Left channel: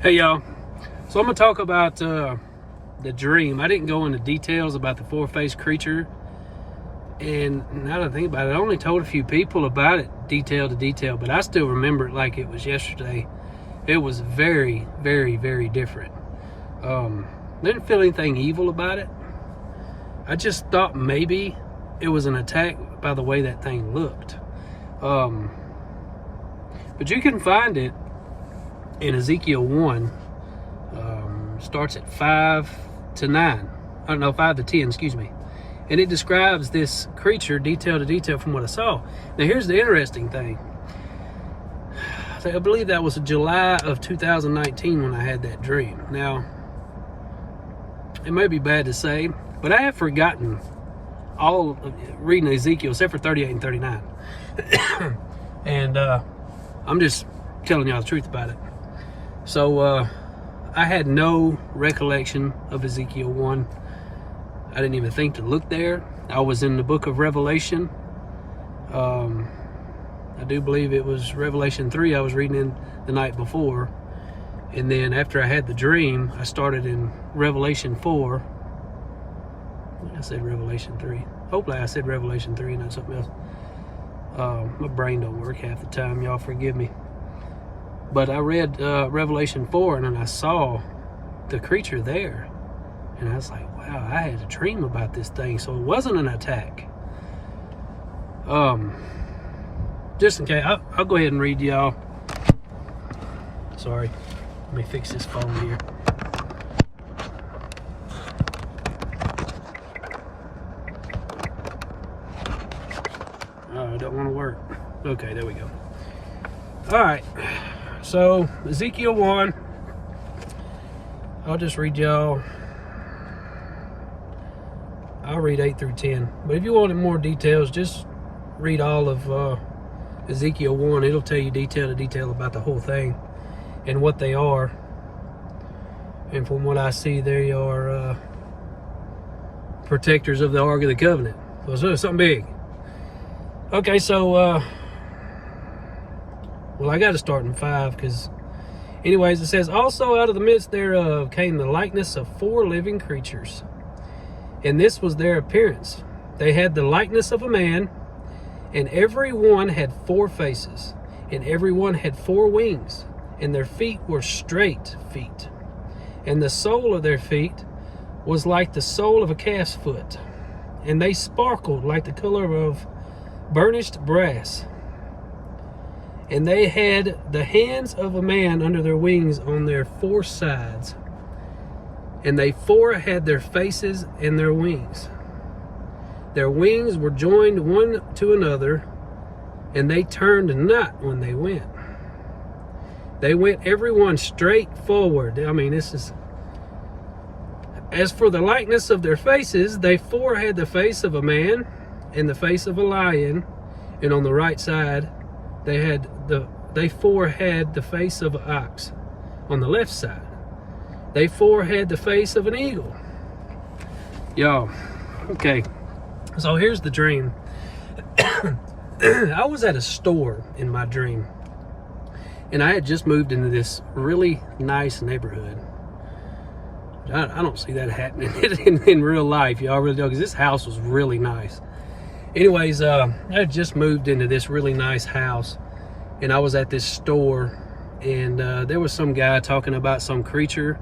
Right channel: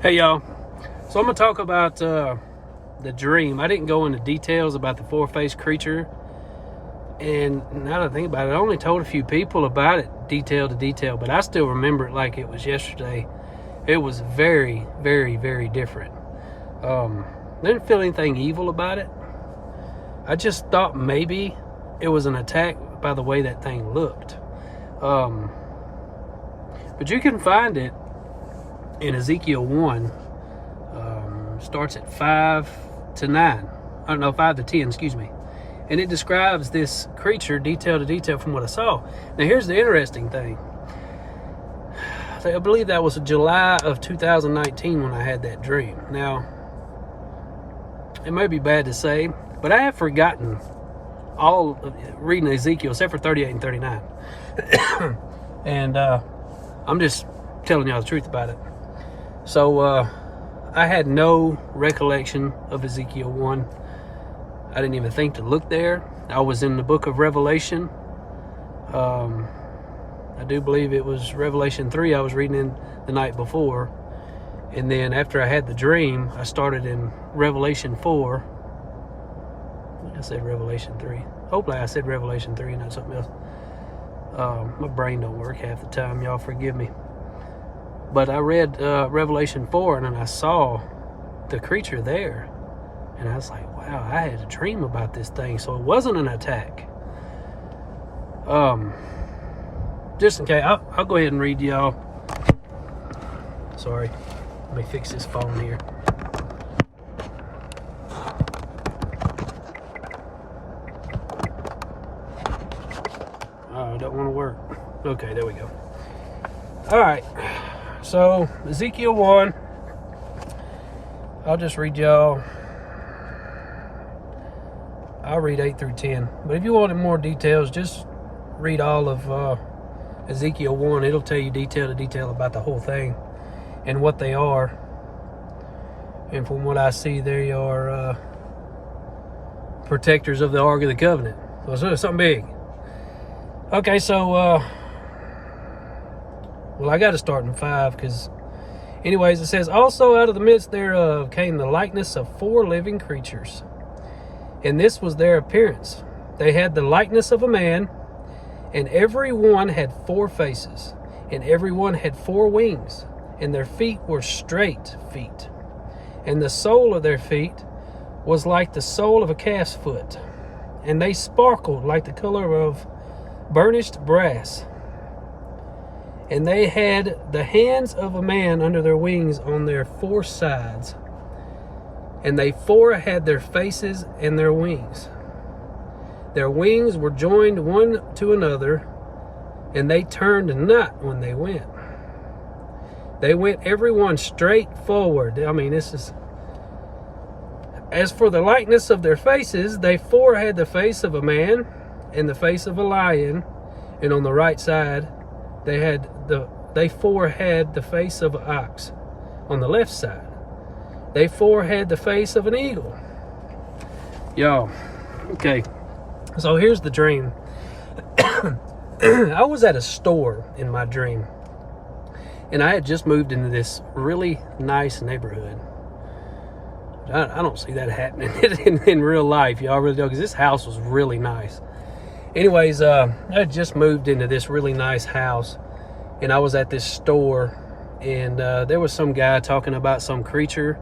Hey y'all, so I'm gonna talk about the dream. I didn't go into details about the four-faced creature, and now that I think about it, I only told a few people about it, detail to detail, but I still remember it like it was yesterday. It was very, very, very different. I didn't feel anything evil about it. I just thought maybe it was an attack by the way that thing looked. But you can find it in Ezekiel 1, starts at 5 to 9. I don't know, 5 to 10, excuse me. And it describes this creature detail to detail from what I saw. Now, here's the interesting thing. I believe that was July of 2019 when I had that dream. Now, it may be bad to say, but I have forgotten all of reading Ezekiel except for 38 and 39. And I'm just telling y'all the truth about it. So I had no recollection of Ezekiel 1. I didn't even think to look there. I was in the book of Revelation. I do believe it was Revelation 3 I was reading in the night before. And then after I had the dream, I started in Revelation 4. I said Revelation 3. Hopefully I said Revelation 3 and not something else. My brain don't work half the time. Y'all forgive me. But I read Revelation 4, and then I saw the creature there. And I was like, wow, I had a dream about this thing. So it wasn't an attack. Just in case, I'll go ahead and read y'all. Sorry. Let me fix this phone here. Oh, it don't want to work. Okay, there we go. All right. So, Ezekiel 1, I'll just read y'all. I'll read 8 through 10. But if you wanted more details, just read all of Ezekiel 1. It'll tell you detail to detail about the whole thing and what they are. And from what I see, they are protectors of the Ark of the Covenant. So it's something big. Okay, so... well, I got to start in 5 because, anyways, it says, also out of the midst thereof came the likeness of 4 living creatures. And this was their appearance. They had the likeness of a man, and every one had 4 faces, and every one had 4 wings, and their feet were straight feet. And the sole of their feet was like the sole of a calf's foot, and they sparkled like the color of burnished brass. And they had the hands of a man under their wings on their 4 sides. And they 4 had their faces and their wings. Their wings were joined one to another, and they turned not when they went. They went every one straight forward. I mean, this is... As for the likeness of their faces, they 4 had the face of a man and the face of a lion, and on the right side they 4 had the face of an ox. On the left side, they 4 had the face of an eagle. Y'all, okay. So here's the dream. I was at a store in my dream, and I had just moved into this really nice neighborhood. I don't see that happening in real life, y'all really don't, because this house was really nice. Anyways, I had just moved into this really nice house, and I was at this store, and there was some guy talking about some creature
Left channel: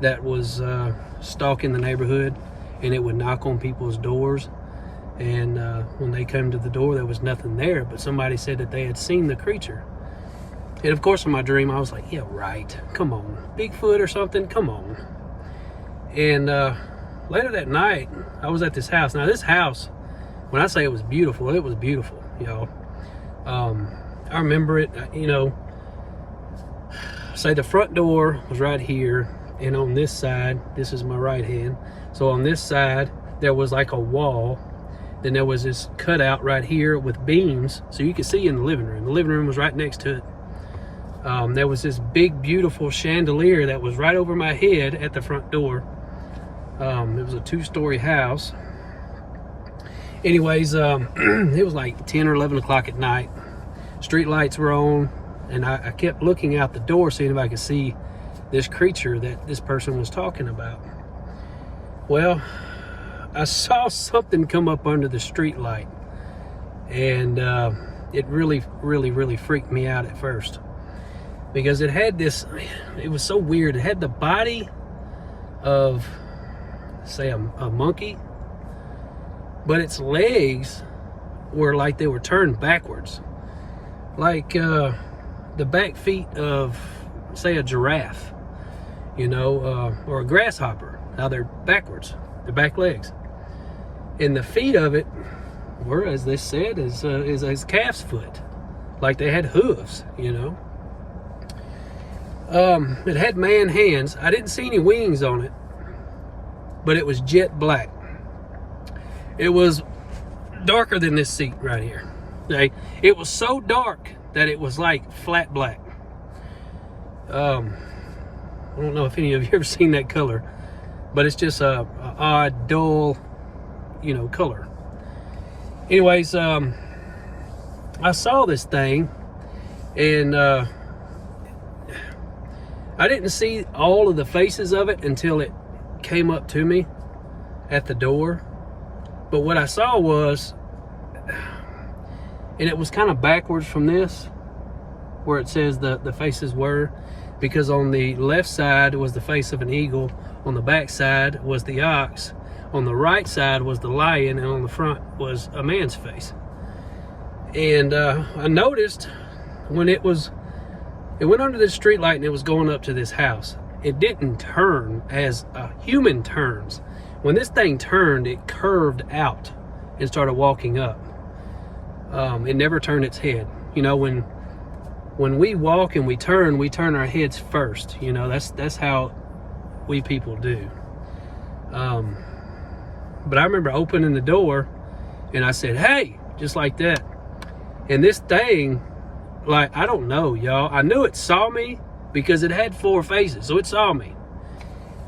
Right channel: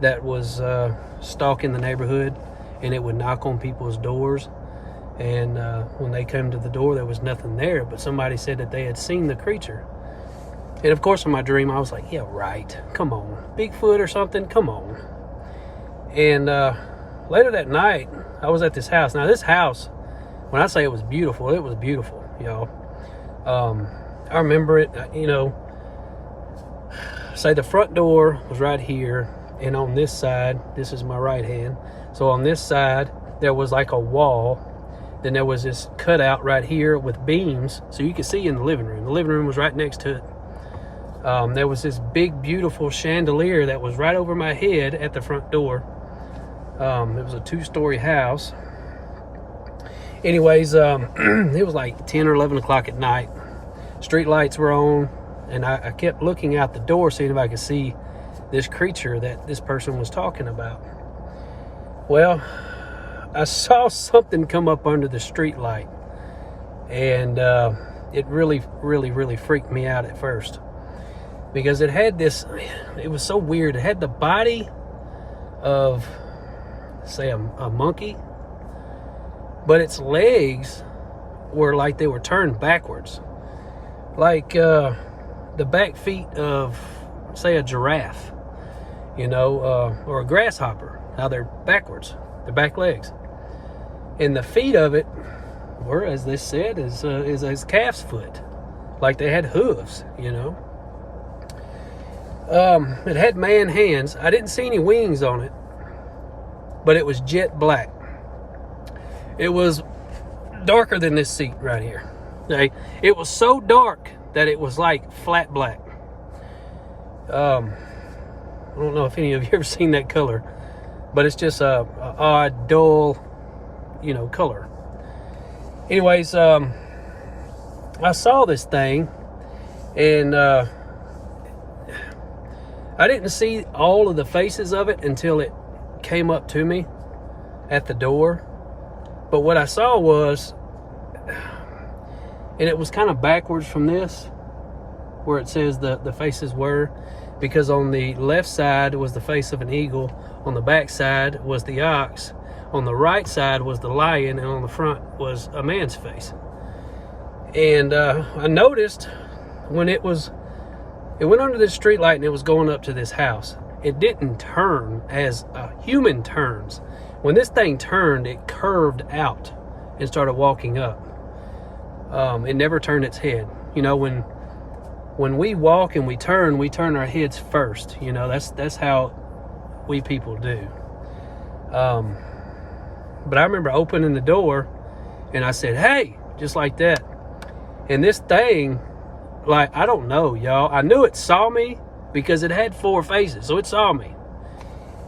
that was stalking the neighborhood, and it would knock on people's doors. And when they came to the door, there was nothing there, but somebody said that they had seen the creature. And of course, in my dream, I was like, yeah, right. Come on. Bigfoot or something? Come on. And later that night, I was at this house. Now, this house, when I say it was beautiful, y'all. I remember it, you know, say the front door was right here, and on this side, this is my right hand. So on this side, there was like a wall. Then there was this cutout right here with beams, so you could see in the living room. The living room was right next to it. There was this big, beautiful chandelier that was right over my head at the front door. It was a 2-story house. Anyways, it was like 10 or 11 o'clock at night. Street lights were on, and I kept looking out the door, seeing if I could see this creature that this person was talking about. Well, I saw something come up under the street light, and it really, really, really freaked me out at first, because it had this, it was so weird. It had the body of, say, a monkey, but its legs were like they were turned backwards, like the back feet of, say, a giraffe, you know, or a grasshopper, how they're backwards, the back legs. And the feet of it were, as they said, is a calf's foot, like they had hooves, you know. It had man hands. I didn't see any wings on it, but it was jet black. It was darker than this seat right here. Okay? It was so dark that it was like flat black. I don't know if any of you ever seen that color, but it's just a odd, dull, you know, color. Anyways, I saw this thing, and I didn't see all of the faces of it until it came up to me at the door. But what I saw was, and it was kind of backwards from this, where it says the faces were, because on the left side was the face of an eagle, on the back side was the ox, on the right side was the lion, and on the front was a man's face. And I noticed when it went under this street light and it was going up to this house, it didn't turn as a human turns. When this thing turned, it curved out and started walking up. It never turned its head. You know, when we walk and we turn our heads first. You know, that's how we people do. But I remember opening the door and I said, "Hey," just like that. And this thing, like, I don't know, y'all. I knew it saw me because it had 4 faces, so it saw me.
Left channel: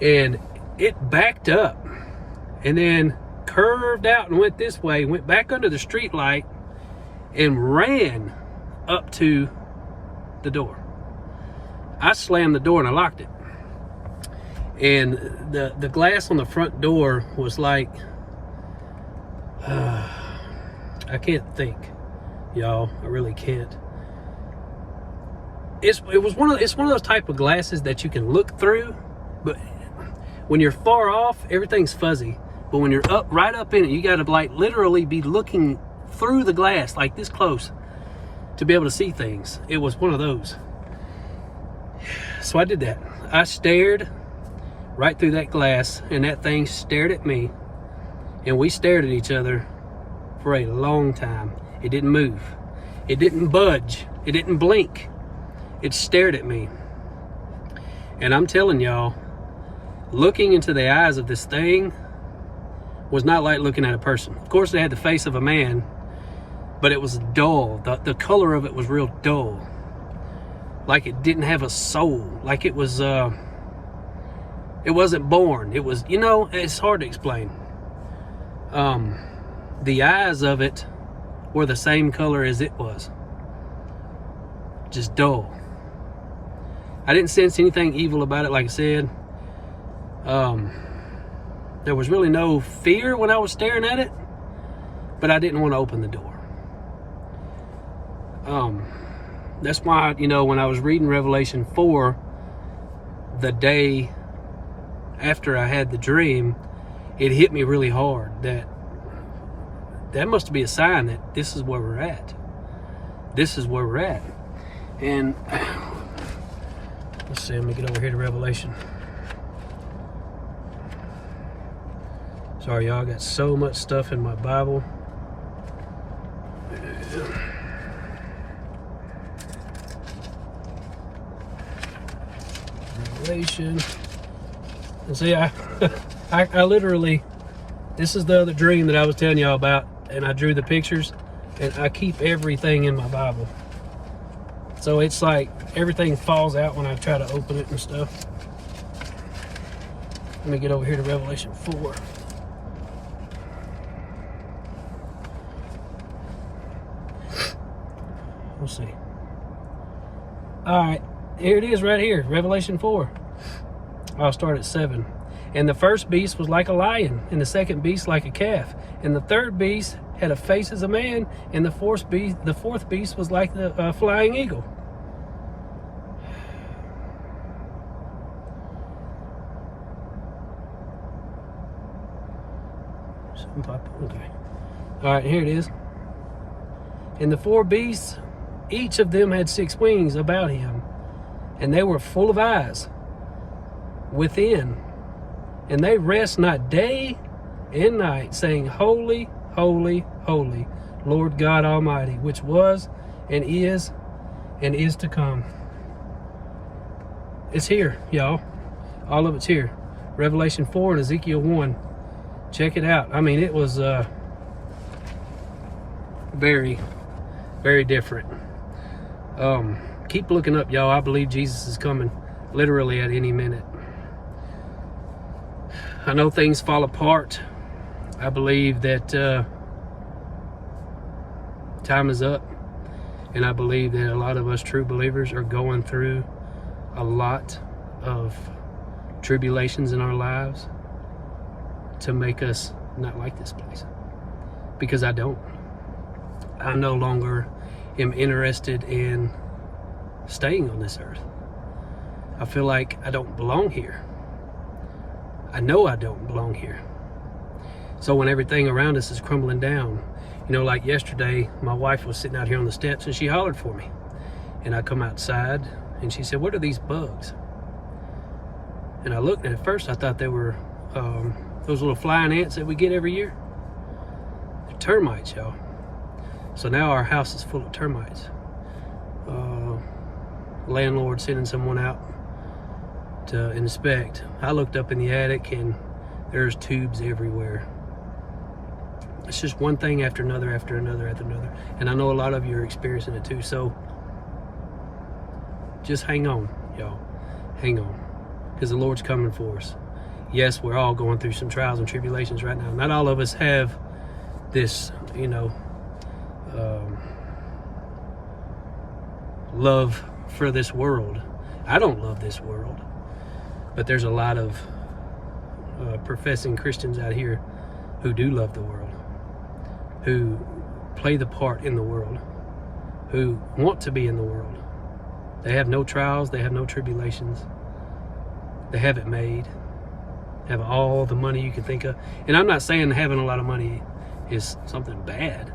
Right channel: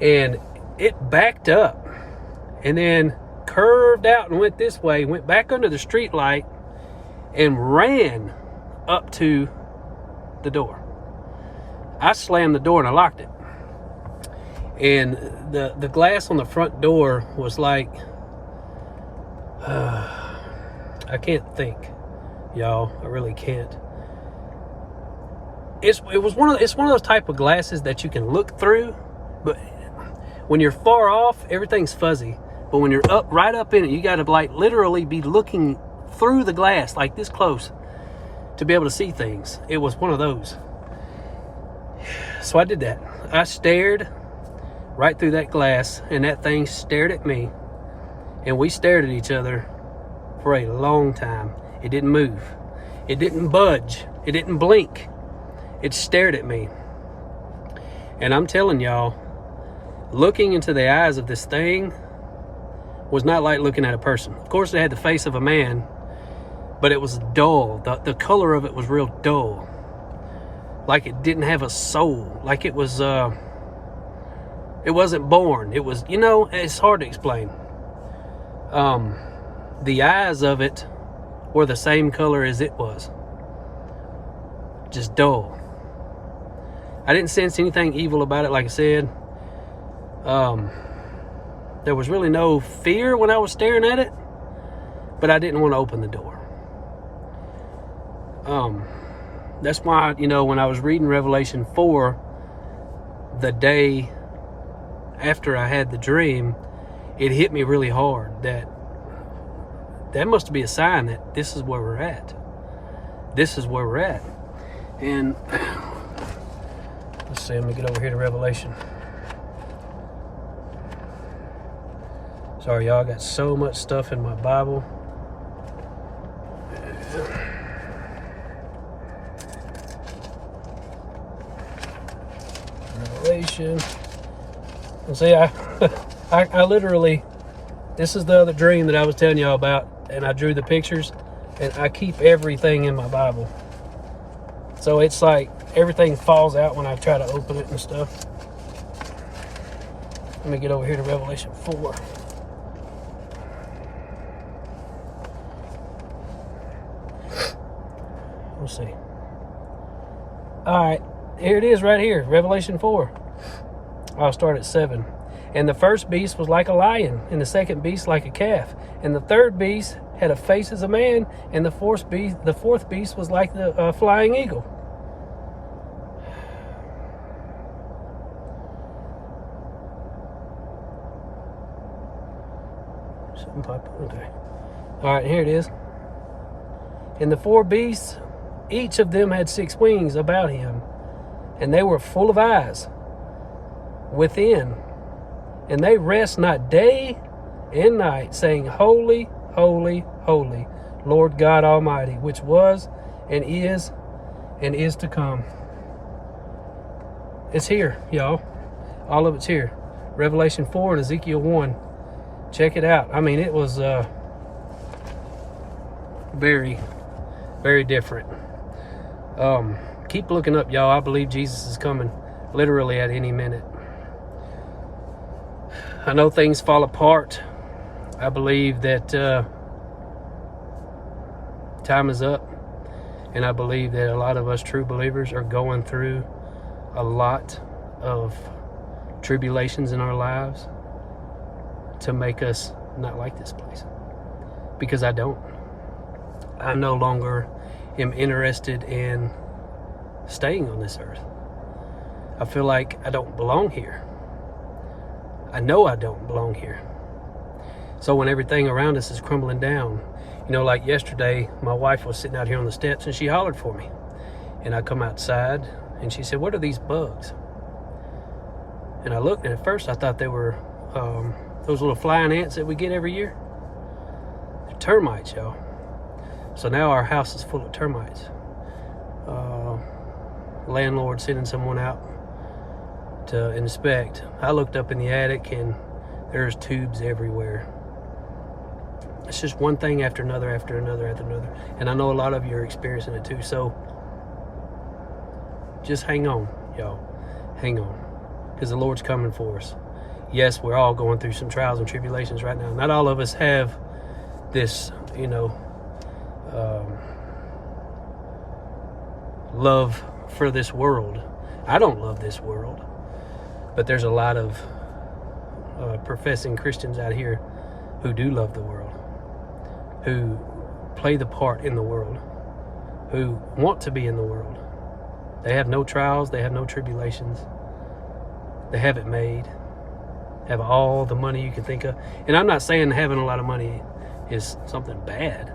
And it backed up and then curved out and went this way, went back under the street light and ran up to the door. I slammed the door and I locked it. And the glass on the front door was like, I can't think, y'all. I really can't. It's one of those type of glasses that you can look through, but when you're far off, everything's fuzzy. But when you're right up in it, you got to like literally be looking through the glass like this close to be able to see things. It was one of those. So I did that. I stared right through that glass, and that thing stared at me, and we stared at each other for a long time. It didn't move. It didn't budge. It didn't blink. It stared at me. And I'm telling y'all, looking into the eyes of this thing was not like looking at a person. Of course, it had the face of a man, but it was dull. The color of it was real dull. Like it didn't have a soul. Like it was, it wasn't born. It was, you know, it's hard to explain. The eyes of it were the same color as it was. Just dull. I didn't sense anything evil about it, like I said. There was really no fear when I was staring at it, but I didn't want to open the door. That's why, you know, when I was reading Revelation 4, the day after I had the dream, it hit me really hard that must be a sign that this is where we're at. This is where we're at. And let's see, let me get over here to Revelation. Sorry, y'all, I got so much stuff in my Bible. Revelation. And see, I literally, this is the other dream that I was telling y'all about, and I drew the pictures, and I keep everything in my Bible. So it's like everything falls out when I try to open it and stuff. Let me get over here to Revelation 4. Let's see. All right, here it is right here, Revelation 4. I'll start at 7. And the first beast was like a lion, and the second beast like a calf, and the third beast had a face as a man, and the fourth beast was like the flying eagle. Okay. All right, here it is. And the 4 beasts, each of them had 6 wings about him, and they were full of eyes within, and they rest not day and night, saying, Holy, holy, holy, Lord God Almighty, which was and is to come. It's here, y'all. All of it's here. Revelation 4 and Ezekiel 1. Check it out. I mean, it was very, very different. Keep looking up, y'all. I believe Jesus is coming literally at any minute. I know things fall apart. I believe that time is up. And I believe that a lot of us true believers are going through a lot of tribulations in our lives to make us not like this place. Because I don't. I no longer am interested in staying on this earth. I feel like I don't belong here. I know I don't belong here. So when everything around us is crumbling down, you know, like yesterday, my wife was sitting out here on the steps and she hollered for me. And I come outside and she said, what are these bugs? And I looked, and at first I thought they were those little flying ants that we get every year. They're termites, y'all. So now our house is full of termites. Landlord sending someone out to inspect. I looked up in the attic and there's tubes everywhere. It's just one thing after another, after another, after another. And I know a lot of you are experiencing it too. So just hang on, y'all. Hang on. Because the Lord's coming for us. Yes, we're all going through some trials and tribulations right now. Not all of us have this, you know, love for this world. I don't love this world. But there's a lot of professing Christians out here who do love the world, who play the part in the world, who want to be in the world. They have no trials, they have no tribulations. They have it made, have all the money you can think of. And I'm not saying having a lot of money is something bad.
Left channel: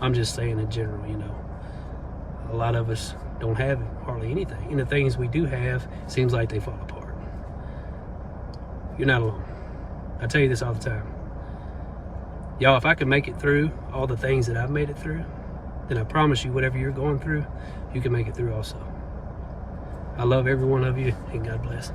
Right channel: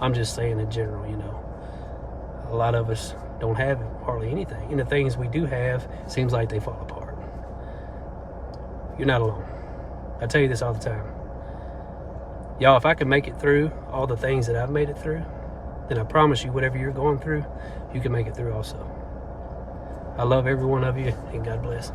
I'm just saying in general, you know, a lot of us don't have hardly anything. And the things we do have, seems like they fall apart. You're not alone. I tell you this all the time. Y'all, if I can make it through all the things that I've made it through, then I promise you, whatever you're going through, you can make it through also. I love every one of you, and God bless.